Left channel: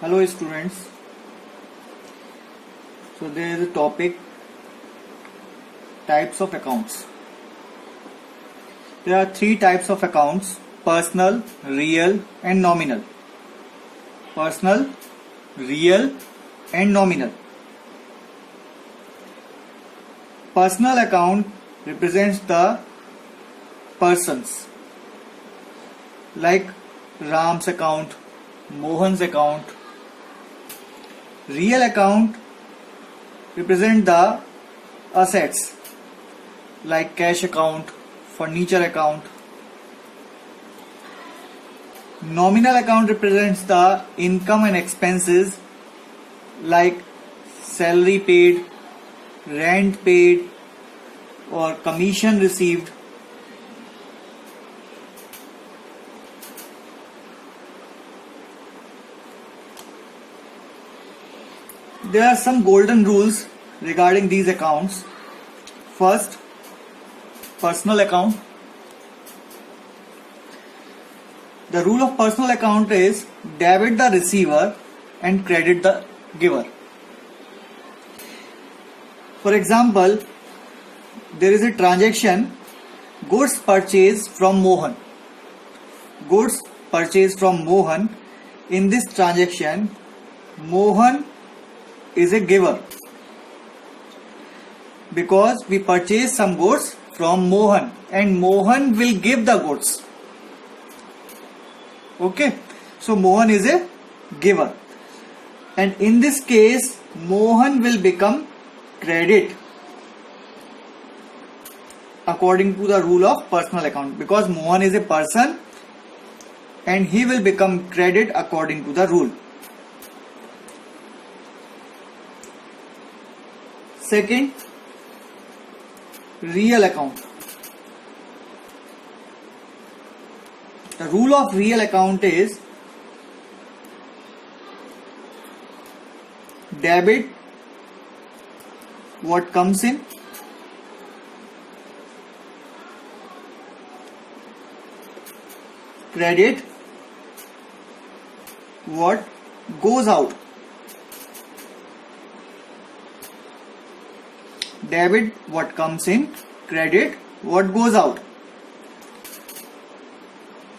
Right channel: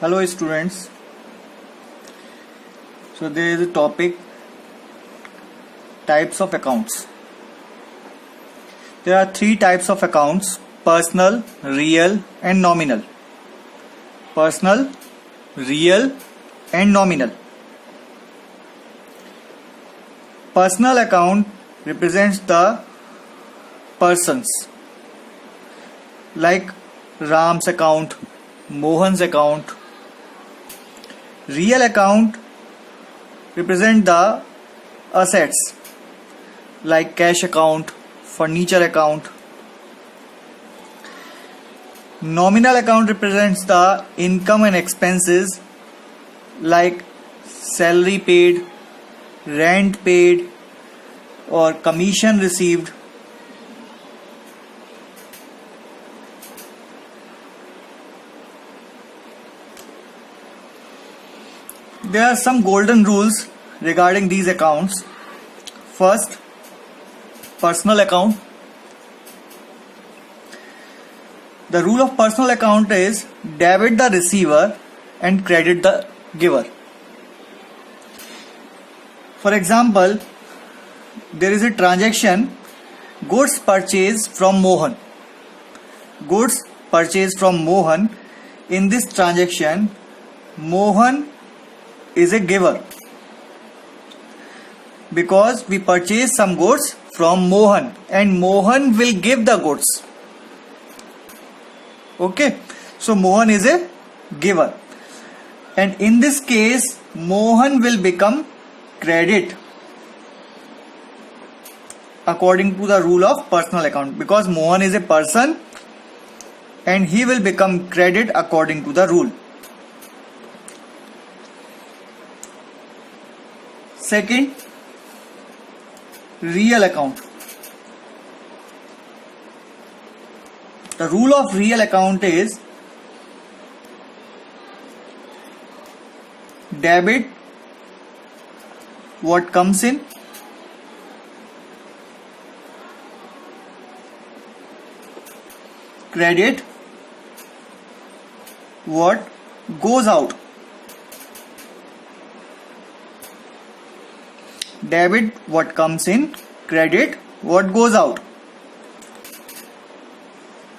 Hello students. So there is a topic types of accounts. There are three types of accounts: personal, real and nominal. Personal, real and nominal. Personal account represents the persons like Ram's account, Mohan's account. Real account represent the assets like cash account, furniture account. Nominal account represents the income and expenses like salary paid, rent paid or commission received. There are some golden rules regarding these accounts. First, personal account. The rule of personal account is debit the receiver and credit the giver. For example, there is a transaction goods purchased from Mohan. Goods purchased from Mohan. In this transaction, Mohan is a giver because we purchase some goods from Mohan and Mohan will give the goods. Okay, so Mohan is a giver, and in this case Mohan will become credit according to the rule of personal account, because Mohan is a person and he will become credit according to the rule. Second, real account. The rule of real account is debit what comes in, credit what goes out. Debit what comes in, credit what goes out.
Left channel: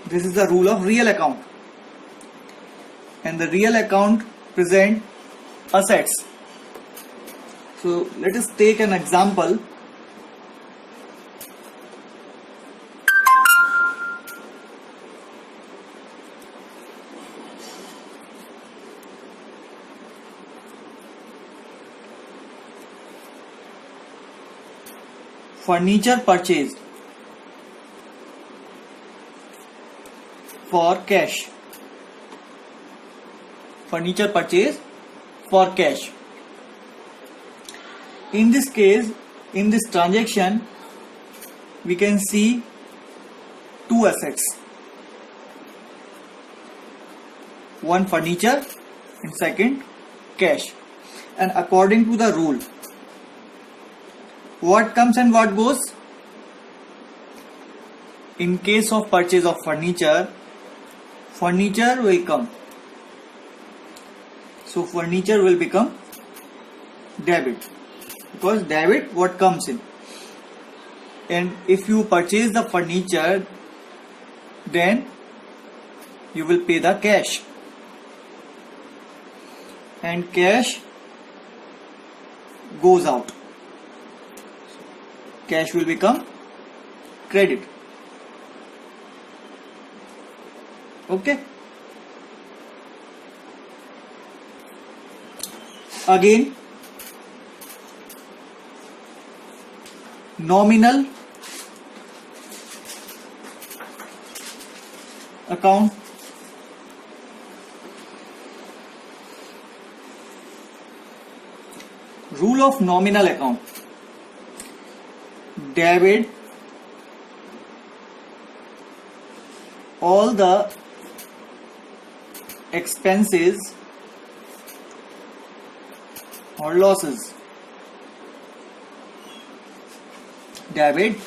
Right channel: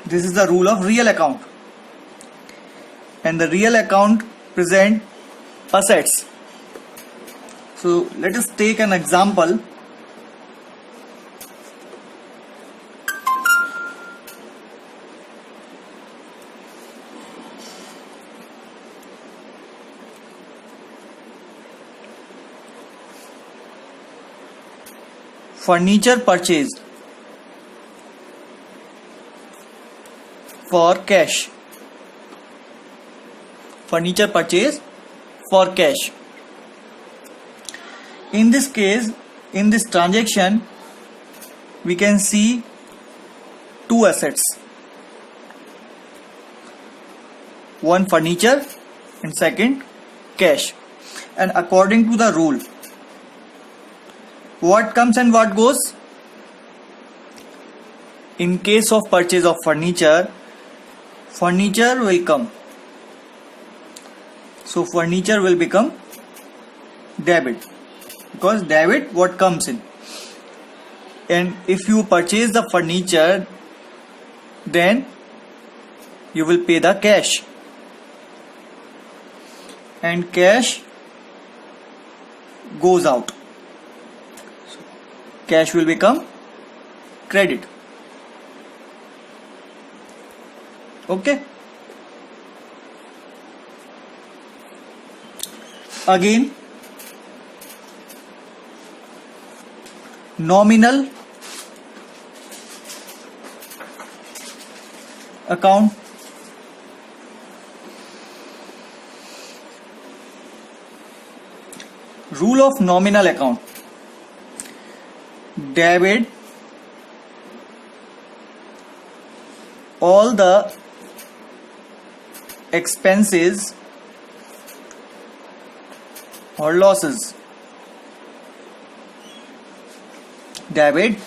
This is the rule of real account. And the real account present assets. So let us take an example. Furniture purchased for cash. Furniture purchased for cash. In this case, in this transaction, we can see two assets. One furniture and second cash. And according to the rule, what comes and what goes? In case of purchase of furniture, furniture will come. So furniture will become debit, because debit what comes in. And if you purchase the furniture, then you will pay the cash. And cash goes out. Cash will become credit. Okay. Again, nominal account. Rule of nominal account. Debit all the expenses or losses. Debit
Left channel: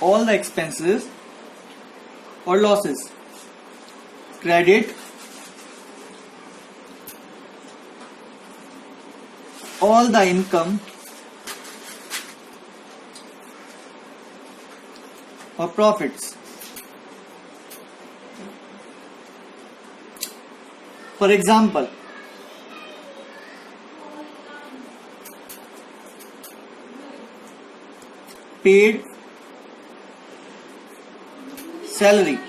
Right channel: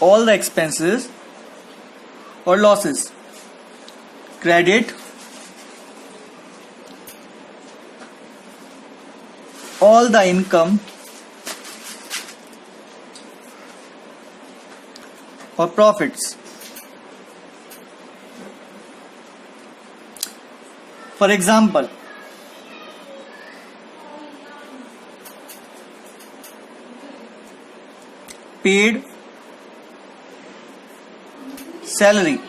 all the expenses or losses. Credit all the income or profits. For example, paid salary.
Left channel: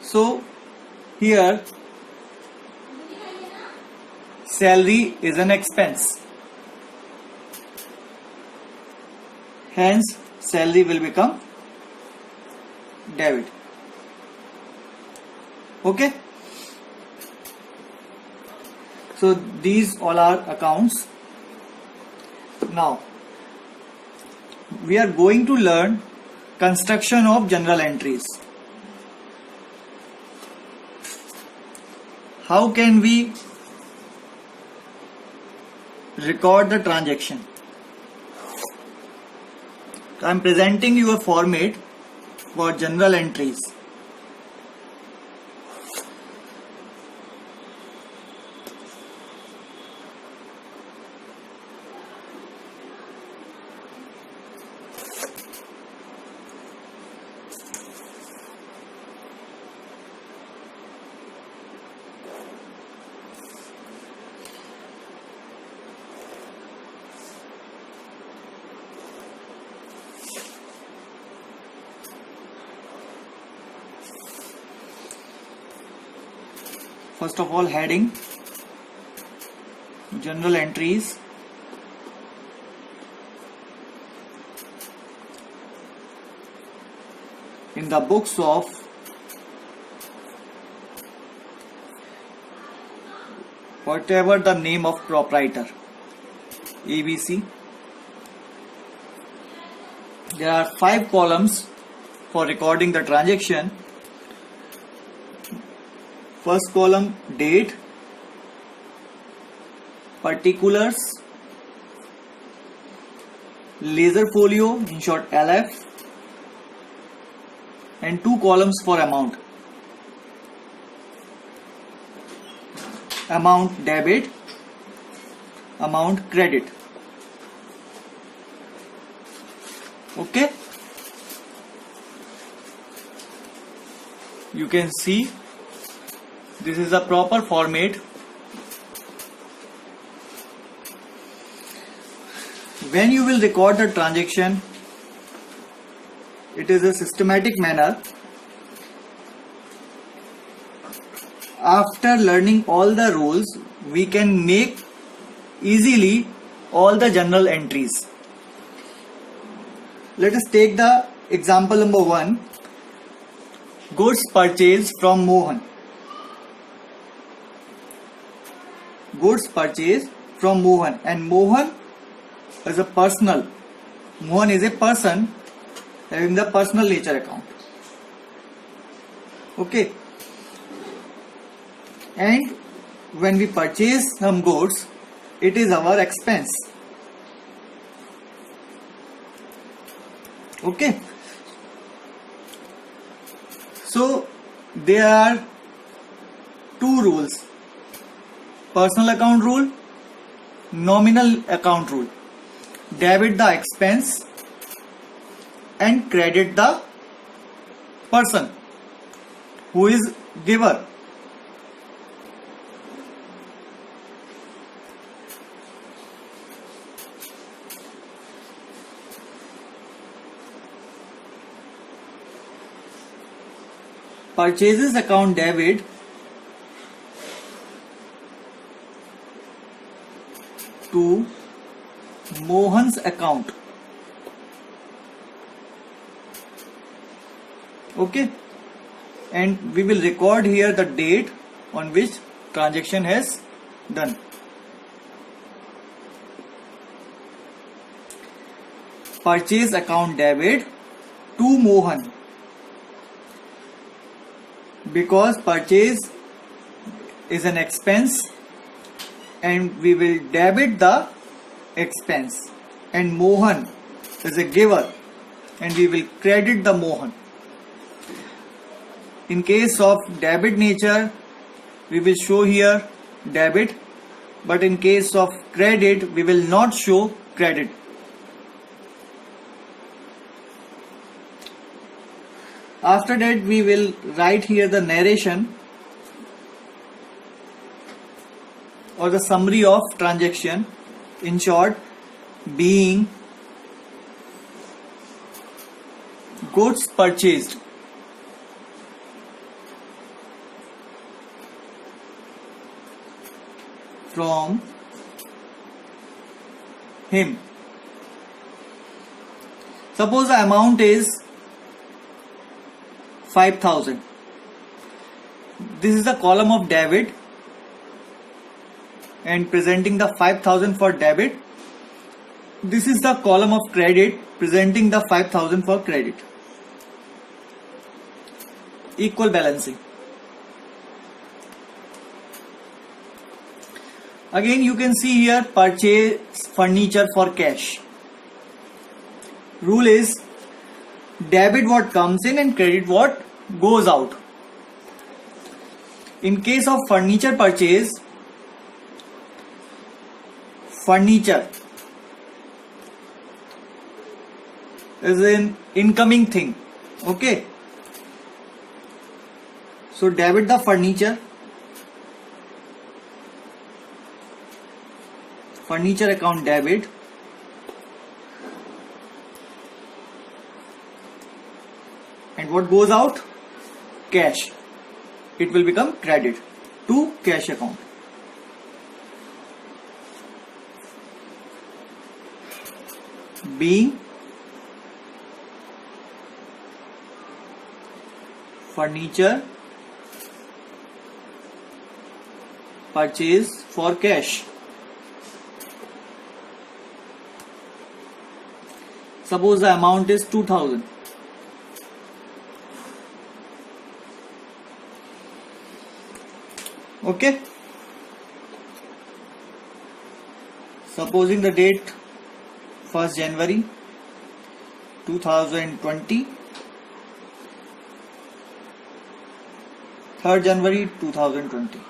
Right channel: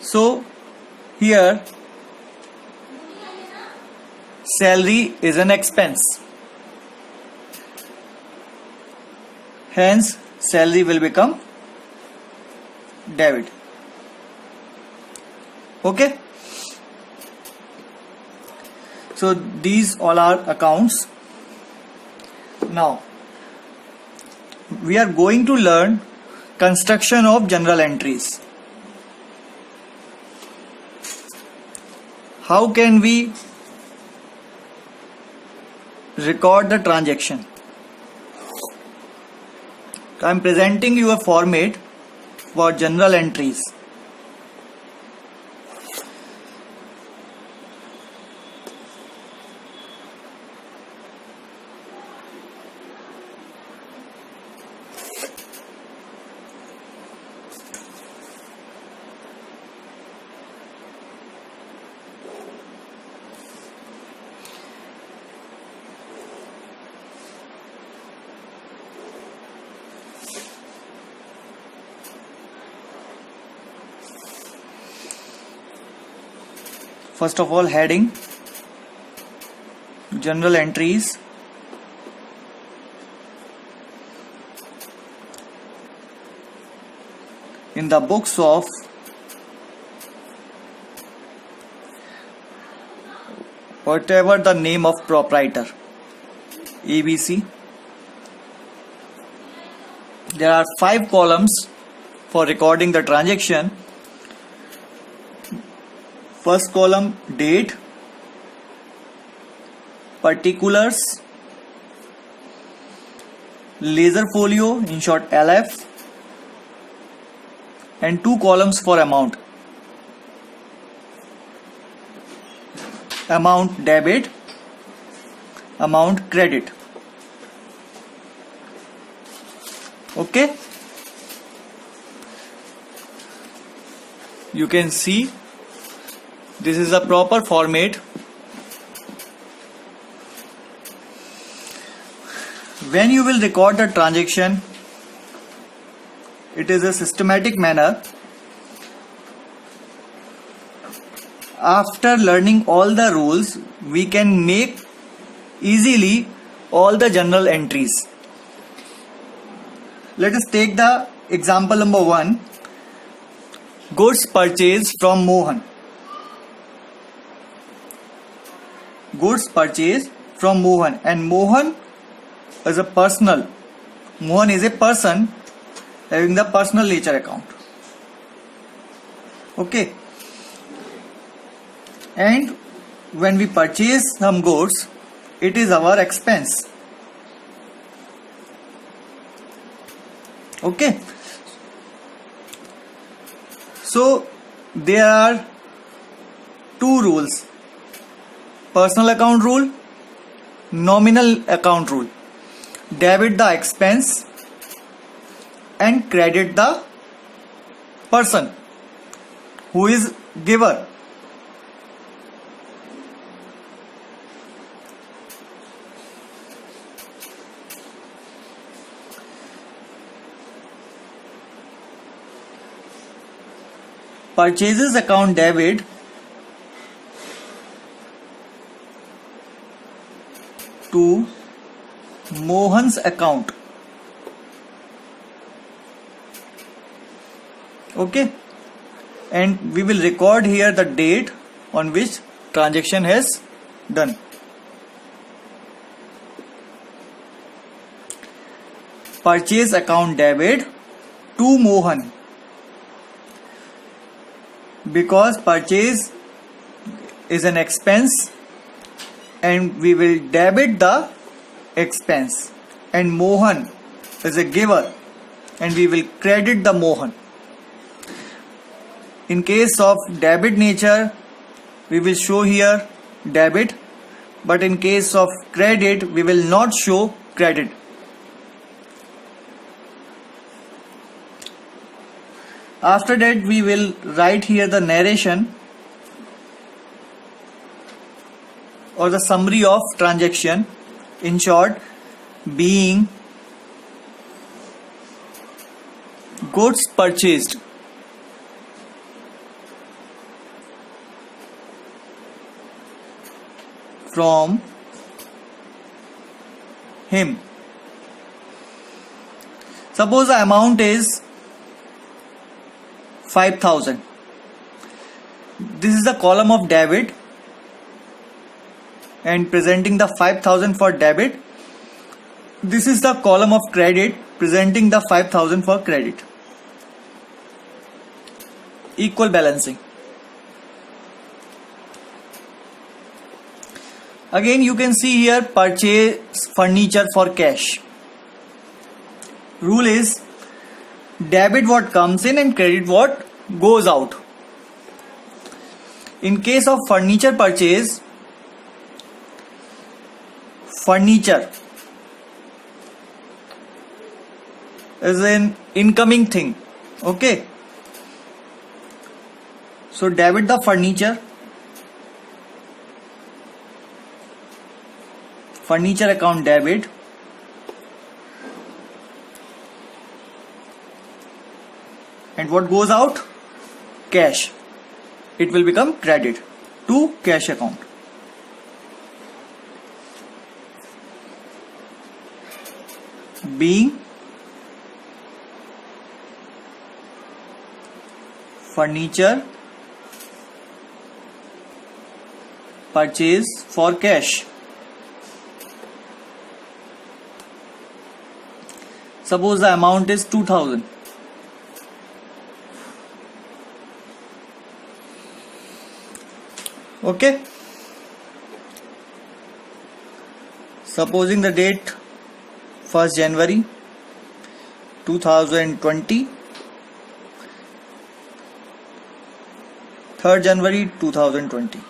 So here salary is an expense. Hence salary will become debit. Okay. So these all are accounts. Now we are going to learn construction of journal entries. How can we record the transaction? I am presenting you a format for journal entries. First of all, heading, journal entries, in the books of whatever the name of proprietor, ABC. There are 5 columns for recording the transaction. First column, date, particulars, ledger folio, in short LF, and 2 columns for amount. Amount debit, amount credit. Okay, you can see this is a proper format. When you will record the transaction, it is a systematic manner. After learning all the rules, we can make easily all the journal entries. Let us take the example number 1. Goods purchased from Mohan. Goods purchased from Mohan, and Mohan is a personal. Mohan is a person having the personal ledger account. Okay. And when we purchase some goods, it is our expense. Okay. So there are 2 rules: personal account rule, nominal account rule. Debit the expense and credit the person who is giver. Purchases account debit to Mohan's account. Okay, and we will record here the date on which transaction has done. Purchase account debit to Mohan, because purchase is an expense and we will debit the expense, and Mohan is a giver and we will credit the Mohan. In case of debit nature, we will show here debit but in case of credit we will not show credit. After that we will write here the narration or the summary of transaction, in short, being goods purchased from him. Suppose the amount is 5,000. This is the column of debit and presenting the 5,000 for debit. This is the column of credit presenting the 5,000 for credit. Equal balancing. Again you can see here purchase furniture for cash. Rule is debit what comes in and credit what goes out. In case of furniture purchase, furniture is an incoming thing. Okay. So debit the furniture. Furniture account debit. And what goes out? Cash. It will become credit to cash account. Being furniture purchase for cash. Suppose the amount is 2,000. Okay. Supposing the date 1st January 2020, 3rd January 2020.